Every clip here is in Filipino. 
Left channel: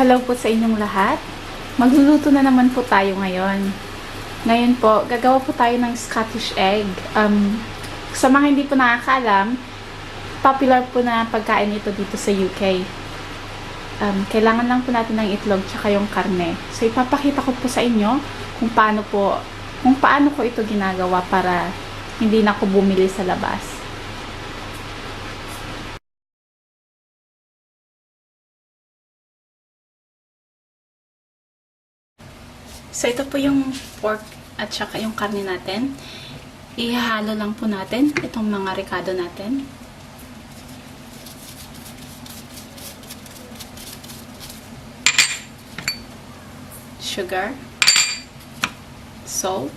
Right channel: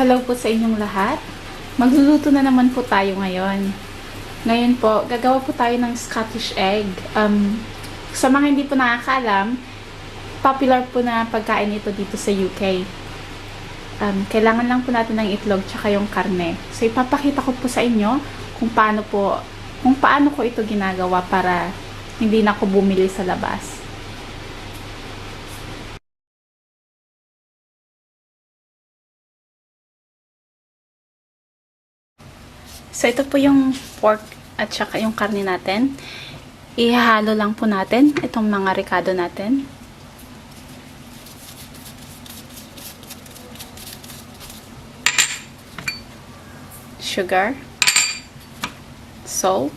Hello po sa inyong lahat. Magluluto na naman po tayo ngayon. Ngayon po, gagawa po tayo ng Scottish egg. Sa mga hindi po nakakaalam, popular po na pagkain ito dito sa UK. Kailangan lang po natin ng itlog tsaka yung karne. So, ipapakita ko po sa inyo kung paano ko ito ginagawa para hindi na ako bumili sa labas. So, ito po yung pork at saka yung karne natin. Ihahalo lang po natin itong mga ricado natin. Sugar. Salt.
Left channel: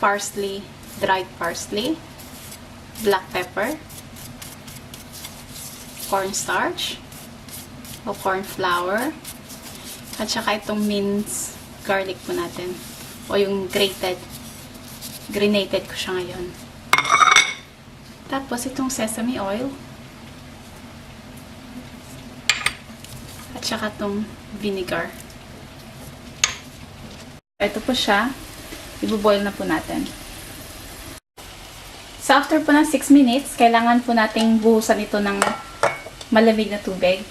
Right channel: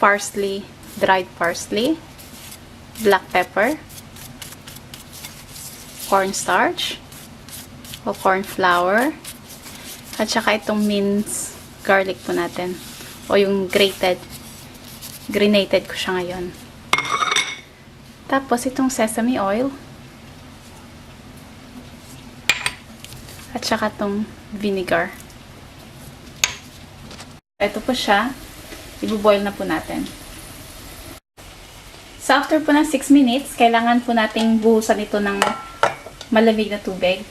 Parsley. Dried parsley. Black pepper. Cornstarch o cornflour at saka itong mince garlic po natin o yung grinated ko siya ngayon. Tapos itong sesame oil at saka itong vinegar. Ito po siya, ibuboil na po natin. So after po ng 6 minutes, kailangan po nating buhusan ito ng malamig na tubig.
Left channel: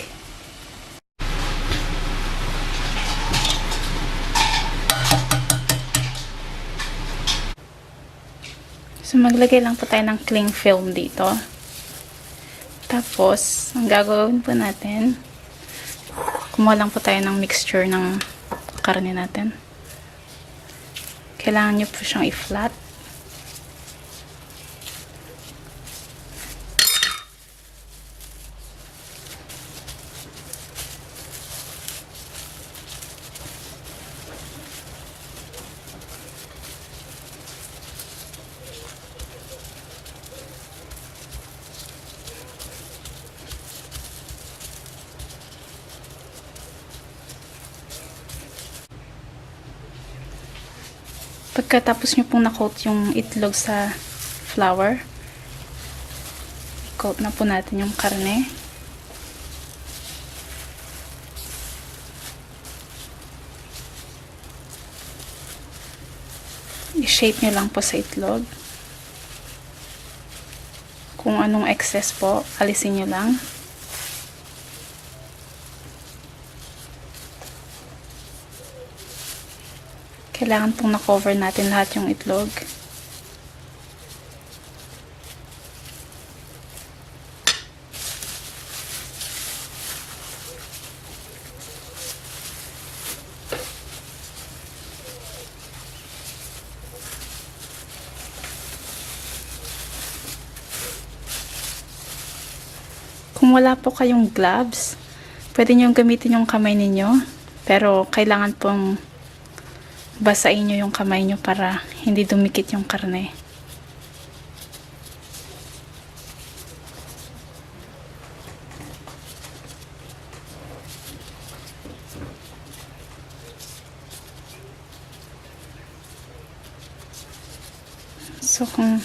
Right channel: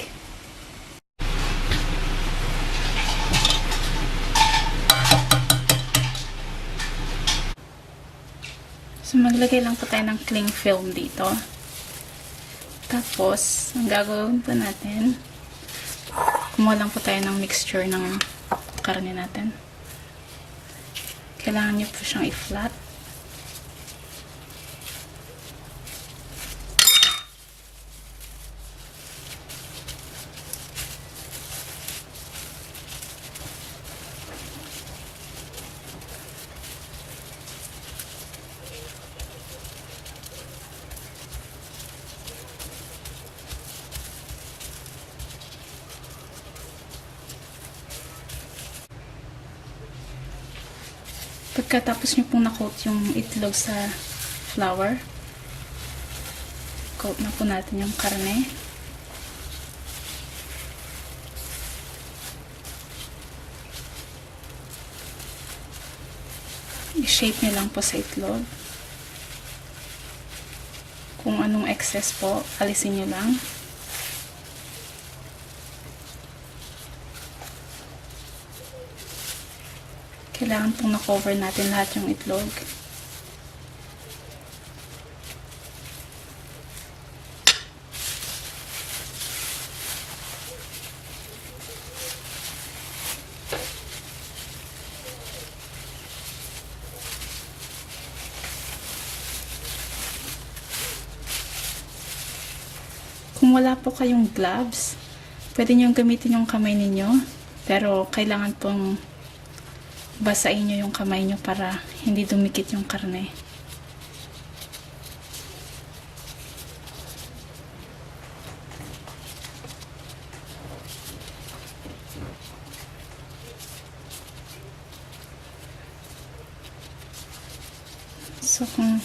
So, maglagay lang po tayo ng cling film dito. Tapos, ang gagawin po natin, kumuha lang po tayo ng mixture ng karne natin. Kailangan nyo po siyang i-flat. Pagkatapos nyo pong na-coat yung itlog sa flour, coat na po natin yung karne. I-shape nyo lang po sa itlog. Kung anong excess po, alisin nyo lang. Kailangan pong na-cover natin lahat yung itlog. Kung wala po kayong gloves, pwede nyo gamitin yung kamay ninyo. Pero kailangan pong basain nyo yung kamay nyo para hindi dumikit yung karne. So, kung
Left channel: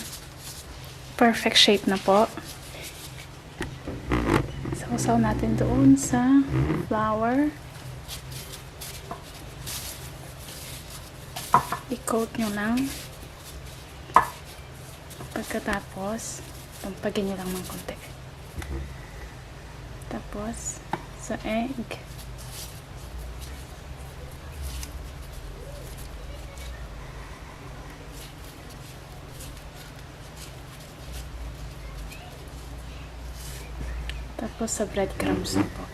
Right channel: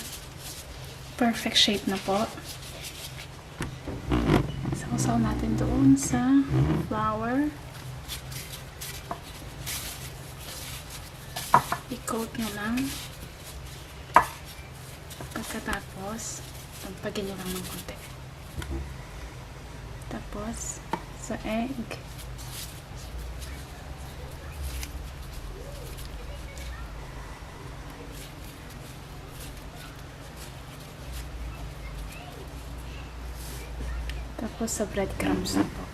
perfect shape na po, sausaw natin doon sa flour. I-coat nyo lang. Pagkatapos, pampagin nyo lang ng konti. Tapos, sa egg. Tapos, sa breadcrumbs na po.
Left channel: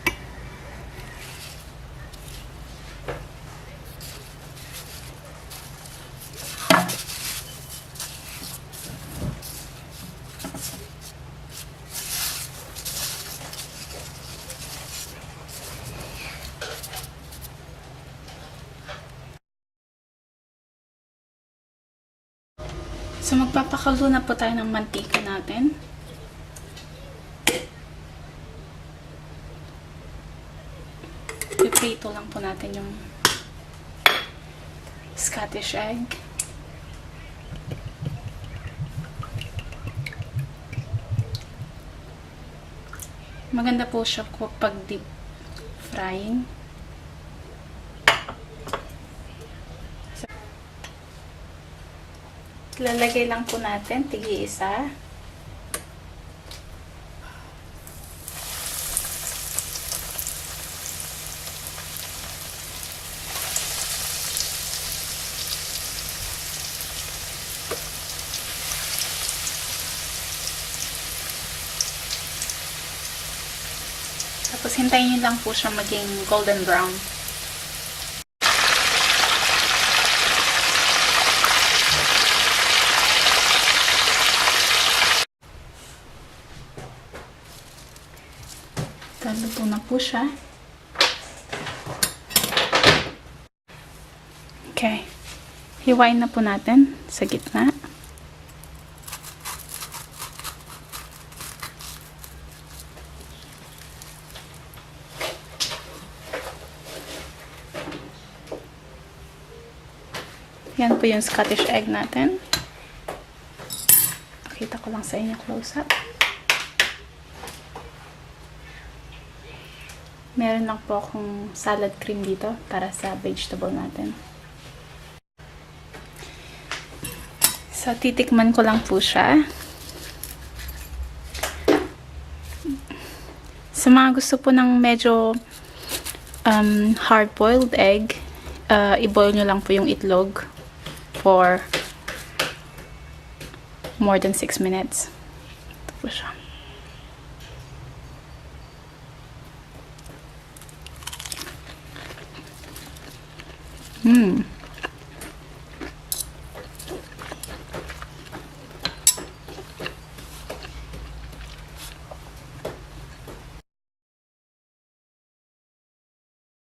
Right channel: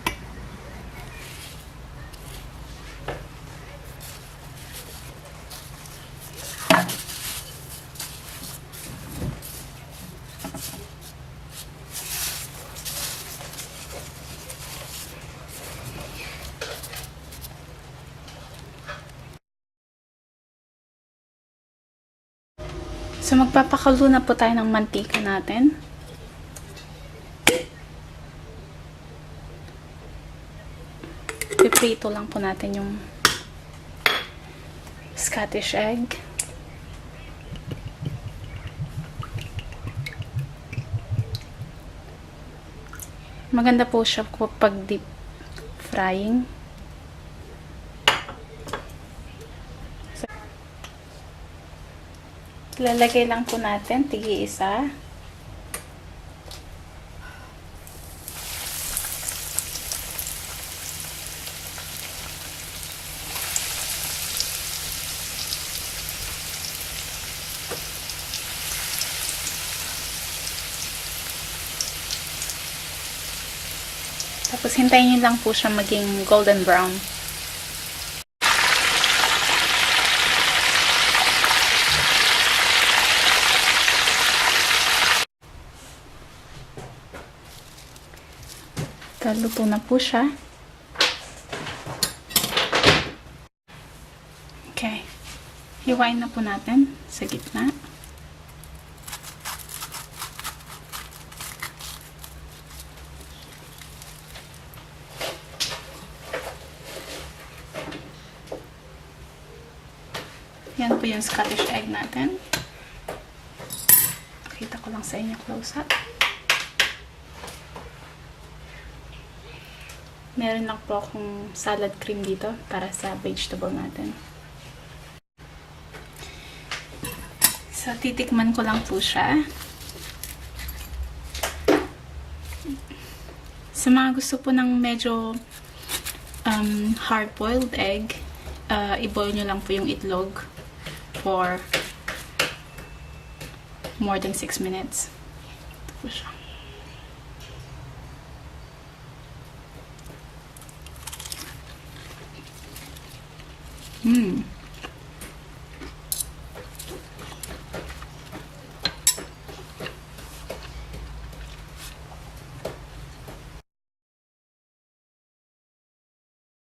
So, magpapakulo na po tayo ng mantika natin. Piprito lang po natin yung Scottish egg. Maganda po siya pag deep frying. Lalagay lang po natin, tig-isa. Tapos hintayin niyo lang po siya maging golden brown. Luto na po siya. Okay. Hiwain na po natin sa gitna. Yan po yung Scottish egg natin. Nakita ko lang sa inyo close up. Meron lang po akong salad cream dito para sa vegetable natin. So, titikman ko lang po siya. Sa mga gusto po ng medyo hard-boiled egg, i-boil nyo lang po yung itlog for more than 6 minutes. Ito po siya.